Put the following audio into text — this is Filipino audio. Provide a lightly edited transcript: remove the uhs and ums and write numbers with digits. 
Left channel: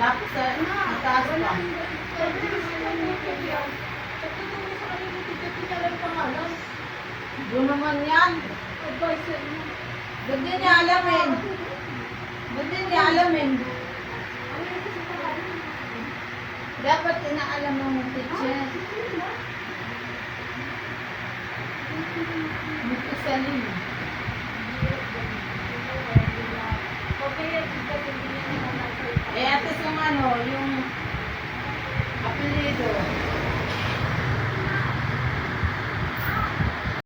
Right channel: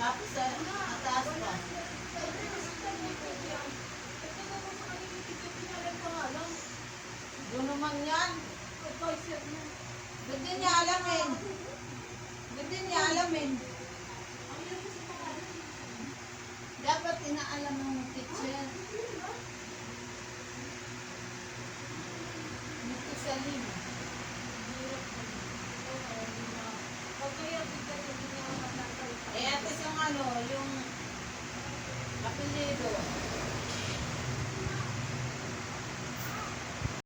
Tapos sa taas pa. Doon naman yan. Ba't din niya alamin? Ba't din niya alamin? Dapat inaalam mo teacher. Dito sa lima.